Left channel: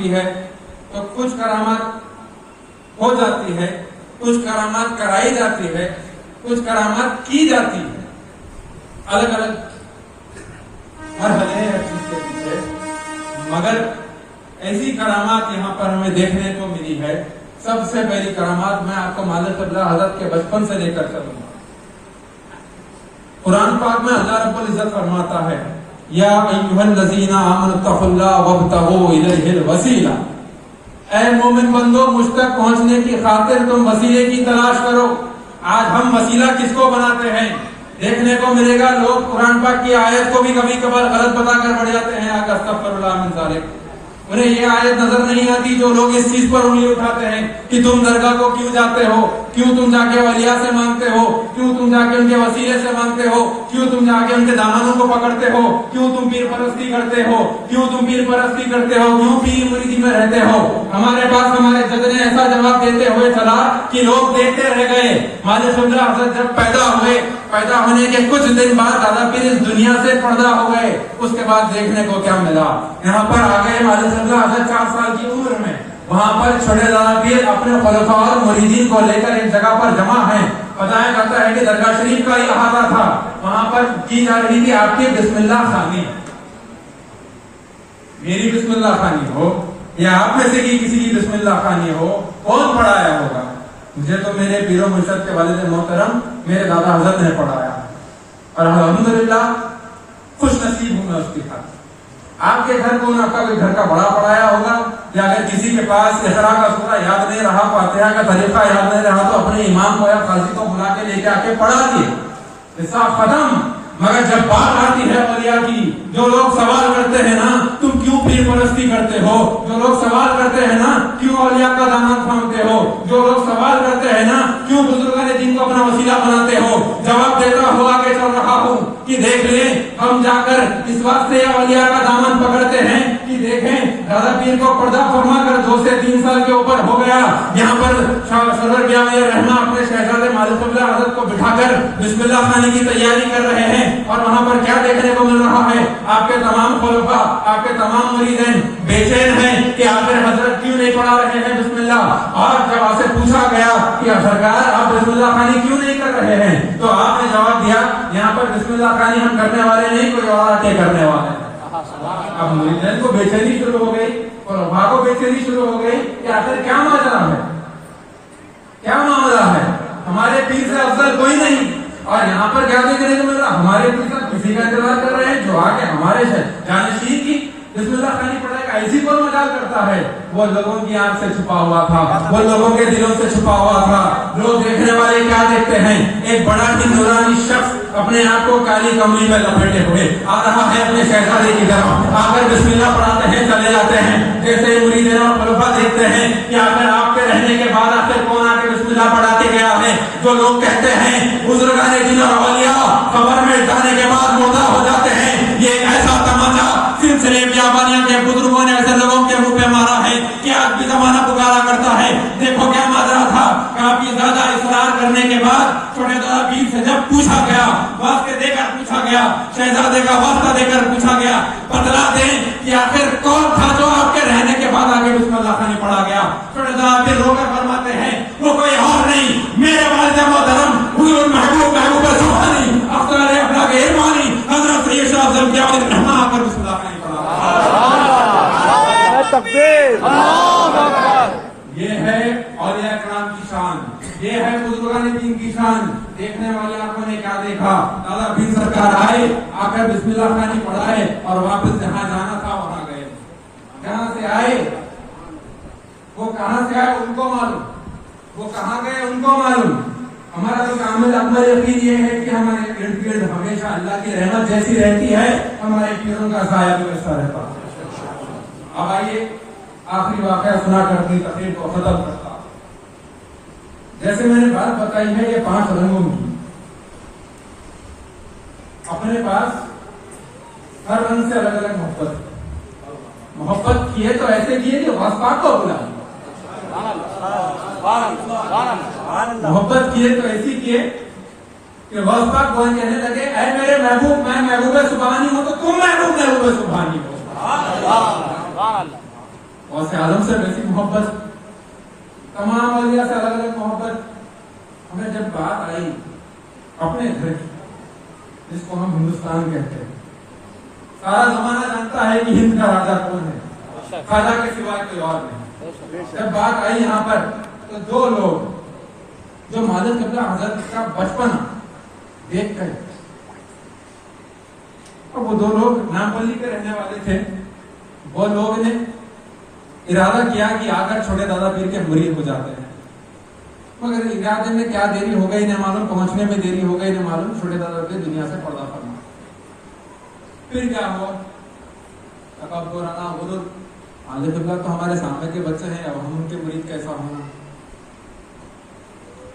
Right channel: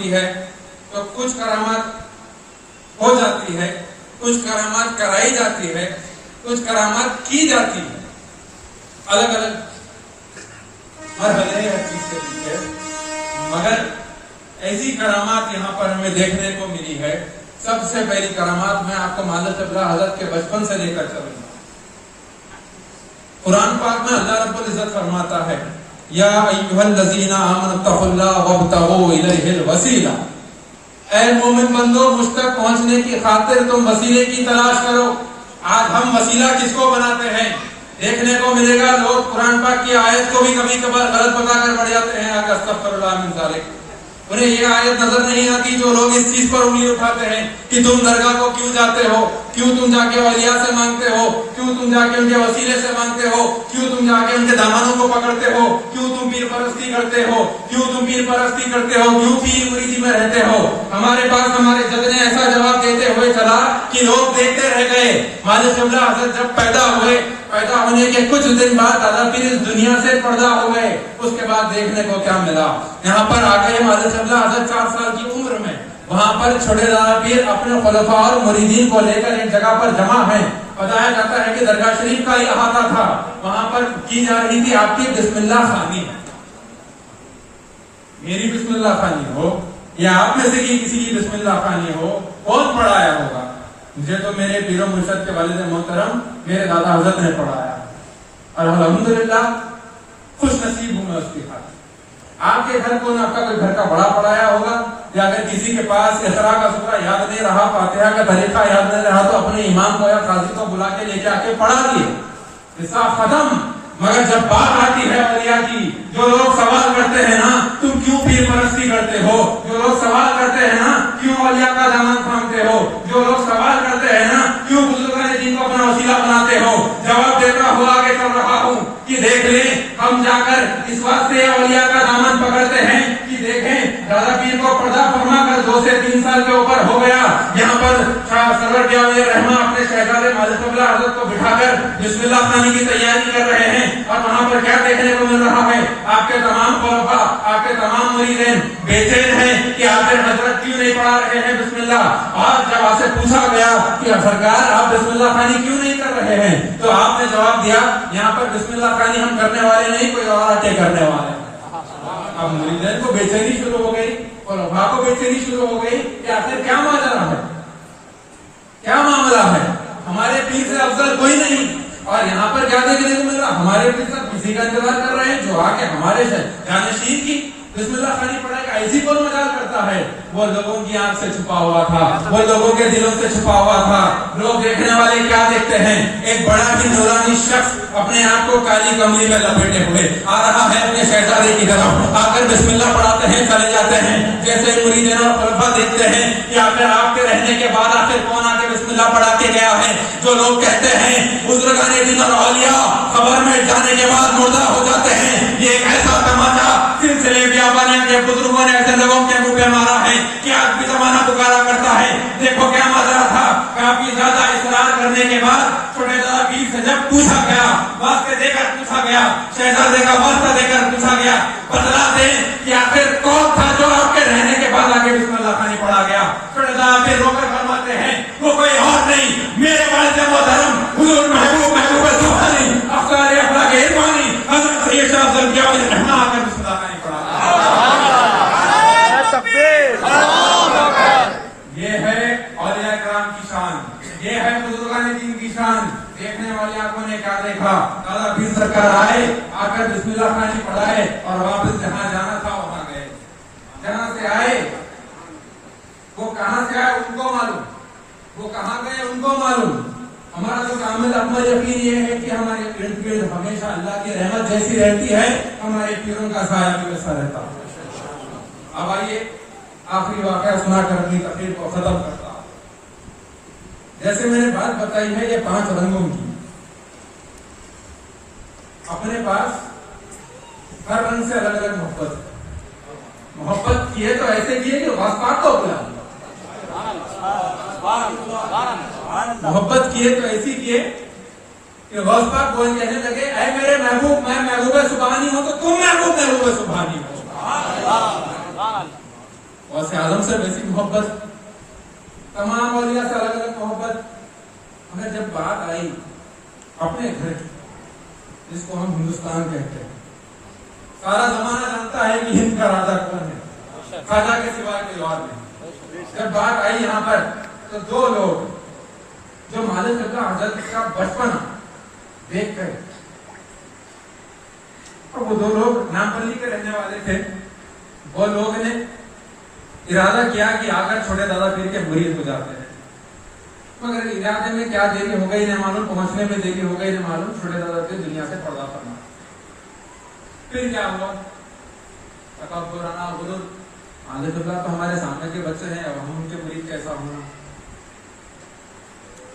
ہوتی ہے تو کچھ کرامات ہو جاتی ہے، کچھ کرامات کرائی جاتی ہے، کچھ کرامات کی جاتی ہے، الگ الگ مرحلے ہر چیز کے پیچھے، مگر ایسی کرامات یہاں پر ہمیں دیکھنے کو ملی ہے۔ سب سے پہلی کرامات میں آپ کو مالک قبلہ حضرت کے بچپن سے لے کر چلوں گا۔ قرآن پاک میں اللہ رب العزت فرماتا ہے یا ایھا الذین آمنوا اتقوا اللہ وابتغوا الیہ الوسیلہ، اے مومن بندو مجھ تک پہنچنے کی خاطر تم وسیلے کی تلاش کرو۔ آج ہم وسیلہ کس کو بناتے ہیں؟ دیکھنے کو ملے گا لوگ قرآن پاک کی آیت کو بھی کبھی کبھار غلط بتا کر بڑھ جاتے ہیں، آگے استغفر اللہ من ذالک۔ انہیں یہ آیت نظر نہیں آتی جو لوگ اس چیز پر انگلی اٹھاتے ہیں کہ تم درگاہ کو کیوں جاتے ہو، کیوں تم جا کے اولیاء سے مانگتے ہو، کیوں تم جا کے ان کے وسیلے سے مانگتے ہو، کیوں تم جا کے ان کے دامنوں کو پکڑتے ہو، کیوں تم پیر پرستی کرتے ہو، کیوں تم پیر پرستی کرتے ہو، کیوں پیر مریدی میں رہتے ہو۔ ہمارے پاس ہمارے جد نے ایسا جواب دیتے ہوئے چلا کہ لوگ دیکھتے رہ گئے۔ مالک قبلہ حضرت جب پیدا ہوئے، پیدا ہونے کے کچھ دن بعد دادا پیر اس دنیا سے پردہ ہو گئے۔ اس کے بعد دیکھنے کو کیا ملا؟ یہاں پر آ گئے مالک قبلہ حضرت 4 سال کی عمر میں، وہاں پر چھوٹے دادا پیر اپنے خلفاء اور مریدین کو لے کر ایک جگہ پر جمع ہیں۔ بتایا جاتا ہے کہ درگاہ شریف کا یہ احاطہ تھا، وہاں پر کی جا رہی تھی آپ کی بسم اللہ خوانی۔ میری بسم اللہ خوانی ہو یا آپ میں سے کسی کی بسم اللہ خوانی ہو، کون پڑھایا ہوگا؟ مجھے تو میرے پیر و مرشد کے والد محترم میرے دادا حضرت نے پڑھایا، اور الحمدللہ خوش نصیب ہوں میں اس کی خاطر۔ آپ کے گھر کون آپ کا کوئی گھر کا بڑا پڑھایا ہوگا؟ یا اگر کسی کے پاس اقرا کا سورہ یاد نہیں رہا، فاتحہ کا طریقہ یاد نہیں رہا، تو اپنے امام کو یا قاضی کو بلا کے لے کے آ کے پڑھا دیے، حساب ختم۔ مگر جب بات آتی ہے اولیاء کی، جو لوگ سوال کرتے ہیں نا تم کیوں پیر پرستی کرتے ہو، جو لوگ سوال کرتے ہیں نا کیوں اولیاء کا دامن تھامتے ہو، جو لوگ سوال کرتے ہیں نا کیوں بزرگان دین کو اپنا وسیلہ بناتے ہو، جواب دیتا ہوا آگے چل رہا ہوں کہ دیکھ لیں ہم جا کر اس واسطے اولیاء کا دامن پکڑتے ہیں کہ دیکھیں دادا پیر کو پردہ فرما کر 2 سے 3 سال کے اوپر ہو گیا، یہاں پر سرور جامعہ رحمہ اپنے شہزادے مالک قبلہ حضرت کو بٹھا کر بسم اللہ خوانی کی تیاری کر رہے ہیں، اور وہاں پر کیا دیکھنے کو مل رہا ہے؟ آپ کے تمام خلفاء، آپ کے تمام مریدین بے چین ہیں کہ آخر حضرت کیوں نہیں پڑھا رہے ہیں بسم اللہ۔ اور جب آپ سے پوچھا گیا کہ سرکار آپ بسم اللہ خوانی کیوں نہیں کر رہے ہیں، تو آپ نے جواب دیا یہاں پر بسم اللہ خوانی ہم کرنے والے نہیں، کوئی اور آ کے کرنے والے ہیں۔ اب مریدین کو بے چینی شروع ہو گئی، خلفاء کو بے چینی شروع ہو گئی کہ آخر کیا ماجرا ہے، کیا معاملہ ہے، ہمارے پیر سے افضل کوئی نہیں۔ اور یہاں پر کیا دیکھنے کو مل رہا؟ ہمارے پیر صاحب کسی کا انتظار کر رہے ہیں جو آ کے ہمارے جانشین کی بسم اللہ خوانی پڑھائے گا۔ ایسی کون مجال کرتا ہے؟ وہ لوگوں کی آنکھ سے چھپا ہوا تھا، وہ لوگوں کے دلوں سے چھپا ہوا تھا۔ لوگ دیکھنے والے کیا دیکھتے ہیں؟ ایک بڑا ہی نورانی شخص اپنے آپ کو کالی کمری میں لپیٹے ہوئے آ رہا ہے اپنے شہزادے کی طرف، آ کر بسم اللہ پڑھاتے ہیں، چلے جاتے ہیں۔ جیسے مریدین اور خلفاء دیکھتے ہیں کہ آخر آپ کے رہنے کے بعد آخر کون آ کے بسم اللہ پڑھا کے گیا ہے؟ جو لوگ کہتے ہیں بزرگان دین اور اولیاء خبر میں جانے کے بعد مردہ ہو جاتے ہیں، یہ ایک ایسا تماچا سلسلے بیابانیاں کے بزرگوں نے ایسے لوگوں کے منہ پہ مارا ہے کہ آج بھی زمانہ پکارا کرتا ہے۔ دیکھو کیا ماجرا تھا، کافی زیادہ اصرار کرنے کے بعد چھوٹے دادا پیر سے جب پوچھا گیا، واسطے دے کر پوچھا گیا، شہزادے کا واسطہ دے کر پوچھا گیا، بتلا دیں کہ آخر کون تھا جو آپ کے رہنے کے بعد آگے بسم اللہ خوانی پڑھا گیا؟ چھوٹے دادا پیر رو کر فرماتے ہیں وہ کوئی اور نہیں، میرے والد محترم حضور محبوب سبحانی افضل افلاک ارفانی حضرت سید شاہ افضل کیانی رحمہ آ کر بسم اللہ خوانی پڑھا۔ یہ ہے اولیاء کرام کی شان، یہ ہے بزرگان دین کی شان۔ دیکھنے والے آنکھوں نے کیا دیکھا؟ دادا پیر سرکار آئے، آ کر بسم اللہ خوانی پڑھائے اور واپس جہاں جانا تھا وہاں گئے۔ جہاں سے آئے وہ کہاں سے آئے ان کو معلوم، وہ کہاں گئے ان کو معلوم۔ ہمارا تو کامل اکمل یقین یہ ہے کہ ہمارے ارد گرد ہمیشہ اللہ کی رحمت جیسی رہتی ہے، ہمارے پیروں کا سایہ بھی ویسا رہتا ہے۔ اب آئیے آخری واقعہ سنا کر اپنی تقریر کو ختم کرتا ہوں۔ جیسے میں نے بات بتائی ہے یہ 5 رنگوں کی، اپنے پاس ہر رنگ سے الگ الگ محبت ہے۔ محبت کیے تو ایسے کیے کہ غوث پاک کو بلا، محبت کیے تو ایسی کیے کہ غوث پاک وہ کہنے لگے اے میرے محبوب، میں محبوب سبحانی ہوں تو تم محبوب سبحانی ہو۔ غوث غوث اعظم سے ویسی محبت, تمام اولیاء سے الگ الگ محبت. ہمیں جب بات آئی اپنے گھر کی, جس کو ہم ہندوستان کہتے ہیں, سارا زمانہ جانتا ہے کہ ہند کا راجا کون ہے, خواجہ کے سوائے کوئی اور نہیں. جب بات آئی یہاں پر تو دو لوگ جو مالک قبلہ حضرت کا بچپن دیکھ کر, اور وہ دو لوگ نامپلی کے رہنے والے تھے, وہ لوگ نے ارادہ کیا کہ آ کر چھوٹے دادا پیر کے مرید ہو جاتے ہیں. مگر ارادے میں کیا دیری ہو گئی نہ معلوم, پہنچنے میں دیری ہو گئی نہ معلوم, چھوٹے دادا پیر دنیا سے پردہ فرما. پھر کیا ہوا, تکبرانہ غرور, مالک قبلہ تو ہمارے سامنے کے بچے ہیں, اب ہم ان کے مرید کیسا ہونا,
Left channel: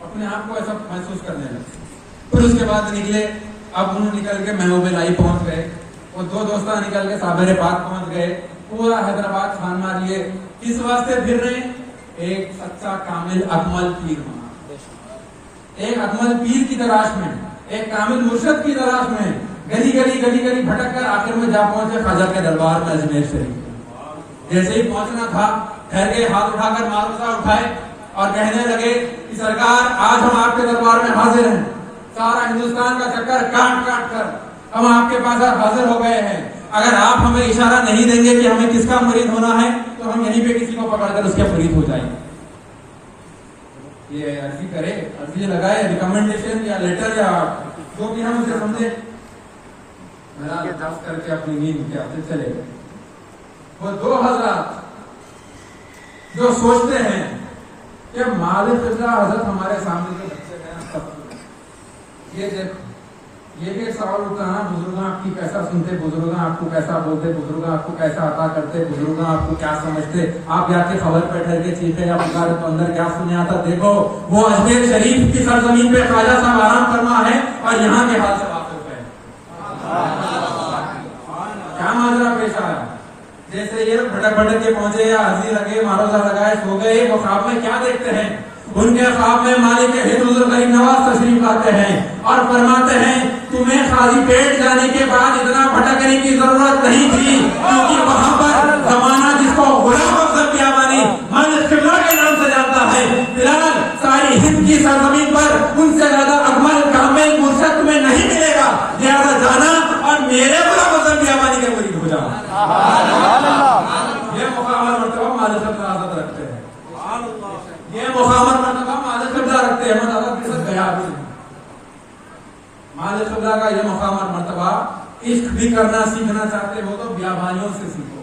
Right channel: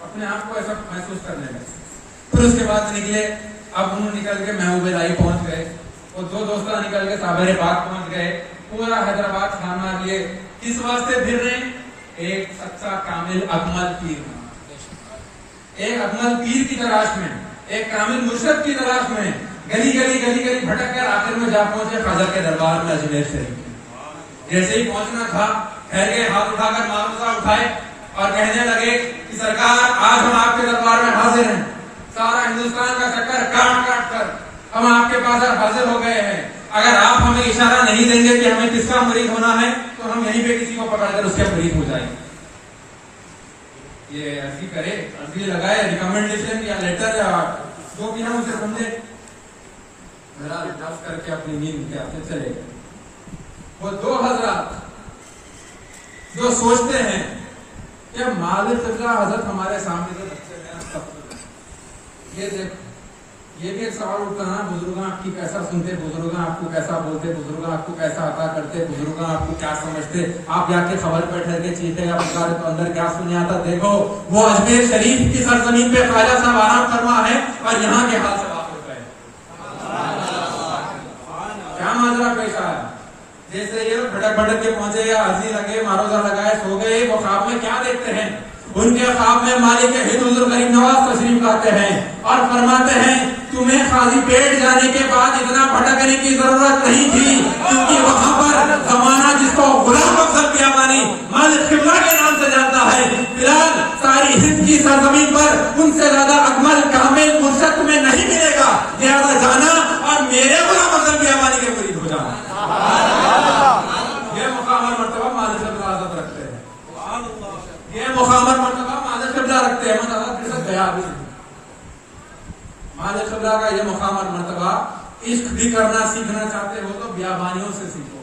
اپنے آپ کو ایسا محسوس کرنے لگے. پھر اس کے بعد نکلے, اب انہوں نکل کے محبوب الہی پہنچ گئے, وہ دو دوستہ نکل کے صابر پاک پہنچ گئے, پورا حیدرآباد چھاننا لیے. کس واسطے پھر رہے, ایک سچا کامل اکمل پیر بنا, ایک اکمل پیر کی تلاش میں, ایک کامل مرشد کی تلاش میں, گلی گلی گلی گلی بھٹک کر آخر میں جا پہنچے خواجہ کے دربار میں اجمیر شریف. جیسے ہی پہنچنا تھا, ٹھہر کے ہاتھ اٹھا کر معروضہ اٹھائے اور کہنے لگے کہ سرکار آج ہم آپ کے دربار میں حاضر ہیں, سارا ہندوستان کا چکر کاٹ کاٹ کر ہم آپ کے پاس حاضر ہو گئے ہیں. اگر آپ ہمیں اشارہ نہیں دیں گے کہ ہمیں کس کا مرید ہونا ہے تو ہم یہیں پہ کسی کو پکڑ کر اس کے مرید ہو جائیں گے. یہ عرضی کرے, عرضی لگائے, ریکمنڈیشن یا لیٹر یا جو بھی ہم اسے سمجھے, میرا لطف کر کے اپنی نیند کے ہاتھ سے چلے گئے. وہ دو حضرات جو سوچتے ہیں کہ مالک قبلہ حضرت ہمارے سامنے کے بچے ہیں, یہ دیکھو, یہ بھی ایک سوال اٹھتا ہے, بزرگاں آپ کی کیسا سنتے, بزرگاں آپ کو کیسا بولتے, بزرگاں آپ کو کیسا عطا کرتے, بزرگاں آپ کو کیا سمجھتے, آپ جا کے خبر پہ ٹھہر کے چیخے یا پکارے تو اندر کیا سننے آتا. دیکھو وہ اجمیر شریف کی سرزمین پہ خواجہ صاحب آرام فرما ہے اور یہاں کے حال سے واقف ہے. کیا معاملہ پیش آیا, جیسے یہ بھٹک بھٹک کے پہنچے یا عرضی لگے, معروضہ لگائے, سو گئے. وہ خواب میں کیا دیکھتے ہیں, ان کے خواب میں مالک ہند حضور غریب نواز تشریف لاتے ہیں اور فرماتے ہیں تمہیں خالی پیٹ جانے کے بعد اتنا بھٹکنے کی ضرورت نہیں تھی, کیونکہ وہاں پر زمانہ جس کو غلام افضل بیابانی مالک قبلہ کے نام سے جانتا ہے, فی الحال ساری ہند کی سرزمین پر ان سے زیادہ اکمل کامل مرشد تمہیں نہیں ملے گا. لہذا جانا اور میرے غلام افضل بیابانی کے مرید ہو جانا. یہ مقام اور مرتبہ مالک قبلہ حضرت رکھتے ہیں, یہ مقام اور مرتبہ مالک قبلہ رکھتے ہیں. حضرت کے ساتھ گیا بھی مالک قبلہ کا یہ مقام اور مرتبہ. عشق بھی کرنا سیکھنا چاہتے ہو تو بیابانیوں سے سیکھو,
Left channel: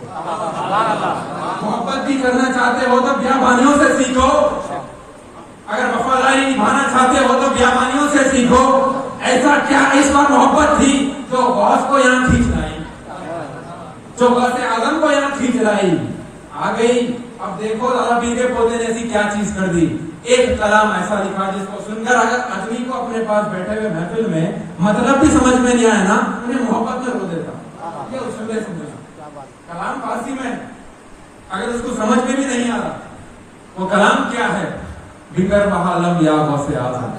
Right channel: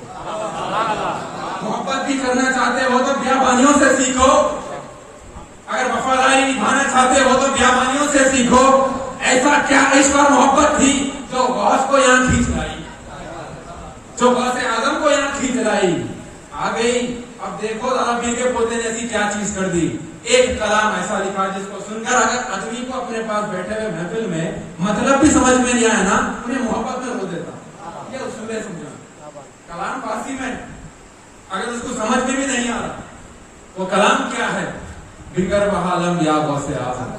محبت بھی کرنا چاہتے ہو تو بیابانیوں سے سیکھو, اگر وفاداری نبھانا چاہتے ہو تو بیابانیوں سے سیکھو. ایسا کیا عشق اور محبت تھی جو غوث کو یہاں کھینچ لائی, جو غوث اعظم کو یہاں کھینچ لائی. آ گئی. اب دیکھو دادا پیر کے پوتے نے ایسی کیا چیز کر دی. ایک کلام ایسا لکھا جس کو سن کر اگر آدمی کو اپنے پاس بیٹھے ہوئے محفل میں مطلب بھی سمجھ میں نہیں آیا نا, انہیں محبت میں رو دیتا. یہ اصول سمجھنا, کلام فارسی میں اگر اس کو سمجھ میں بھی نہیں آ رہا, وہ کلام کیا ہے, بگر بحالم یا غوث اعظم.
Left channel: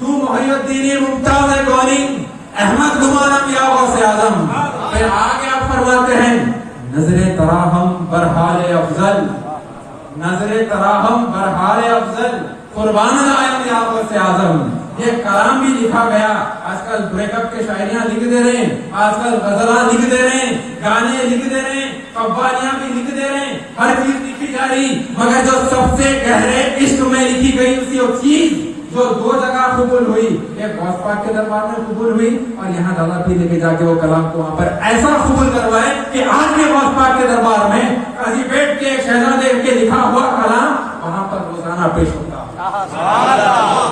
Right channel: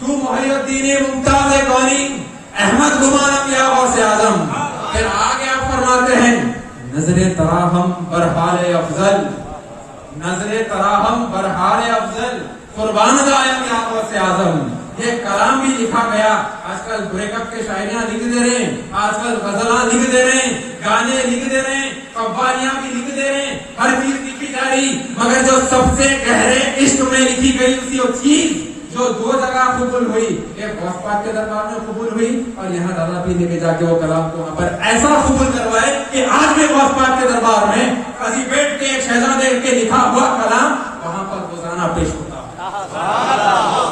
تو محی الدین ممتاز کونی احمد گمانم یا غوث اعظم. پھر آگے آپ فرماتے ہیں نظر تراہم برحال افضل, نظر تراہم برحال افضل قربان دائم یا غوث اعظم. یہ کلام بھی لکھا گیا. آج کل بریک اپ کے شاعریاں لکھ دے رہے ہیں, آج کل غزلاں لکھ دے رہے ہیں, گانے لکھ دے رہے ہیں, قوالیاں بھی لکھ دے رہے ہیں, ہر چیز لکھی جا رہی. مگر جو سب سے گہرے عشق میں لکھی گئی اسی چیز جو دو جگہ قبول ہوئی, ایک غوث پاک کے دربار میں قبول ہوئی اور یہاں دادا پیر لے کے جا کے وہ کلام کو وہاں پر ایسا قبول کروائے کہ آج بھی غوث پاک کے دربار میں قاضی بیٹ کے ایک شہزادے کے لکھا ہوا کلام وہاں پر روزانہ پیش ہوتا ہے.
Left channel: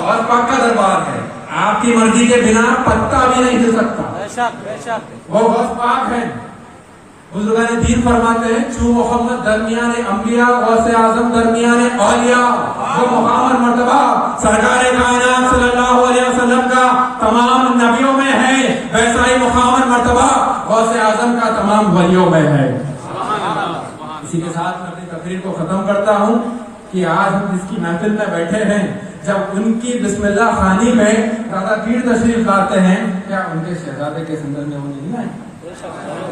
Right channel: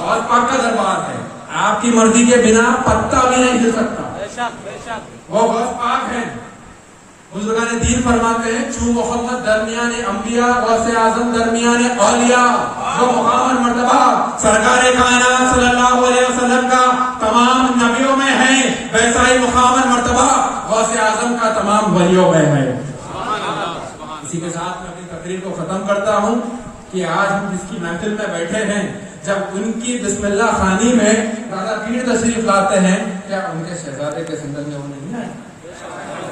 غوث پاک کا دربار ہے, آپ کی مرضی کے بنا پتا بھی نہیں ہل سکتا. وہ غوث پاک ہے. بزرگان دین فرماتے ہیں چوں محمد درمیان انبیاء غوث اعظم درمیان اولیاء. جو مقام اور مرتبہ سرکار کائنات صلی اللہ علیہ وسلم کا تمام نبیوں میں ہے, ویسا ہی مقام اور مرتبہ غوث اعظم کا تمام ولیوں میں ہے۔ اسی کے ساتھ میں اپنی تقریر کو ختم کرتا ہوں کہ آج ہم جس کی محفل میں بیٹھے ہیں، جب ان کی بسم اللہ خوانی میں دادا پیر تشریف لاتے ہیں، کیا ان کے شہزادے کے زندگی میں وہ نہیں آئے؟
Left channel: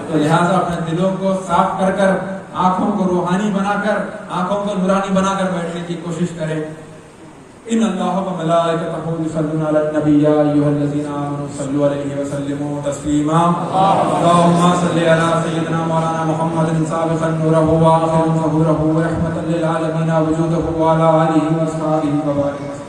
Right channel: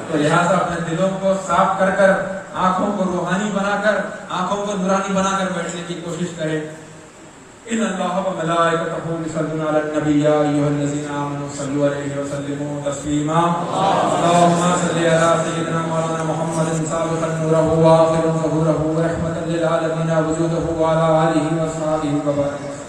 تو لہٰذا اپنے دلوں کو صاف کر کر، آنکھوں کو روحانی بنا کر، آنکھوں کو نورانی بنا کر بیٹھنے کی کوشش کریں۔ ان اللہ و ملائکتہ یصلون علی النبی یا ایھا الذین آمنوا صلوا علیہ وسلموا تسلیما۔ اللهم صل علی سیدنا مولانا محمد سابقا نورہ وآخرا ظہورہ ورحمۃ للعالمین وجودہ وعلی آلہ وصحبہ وبارک۔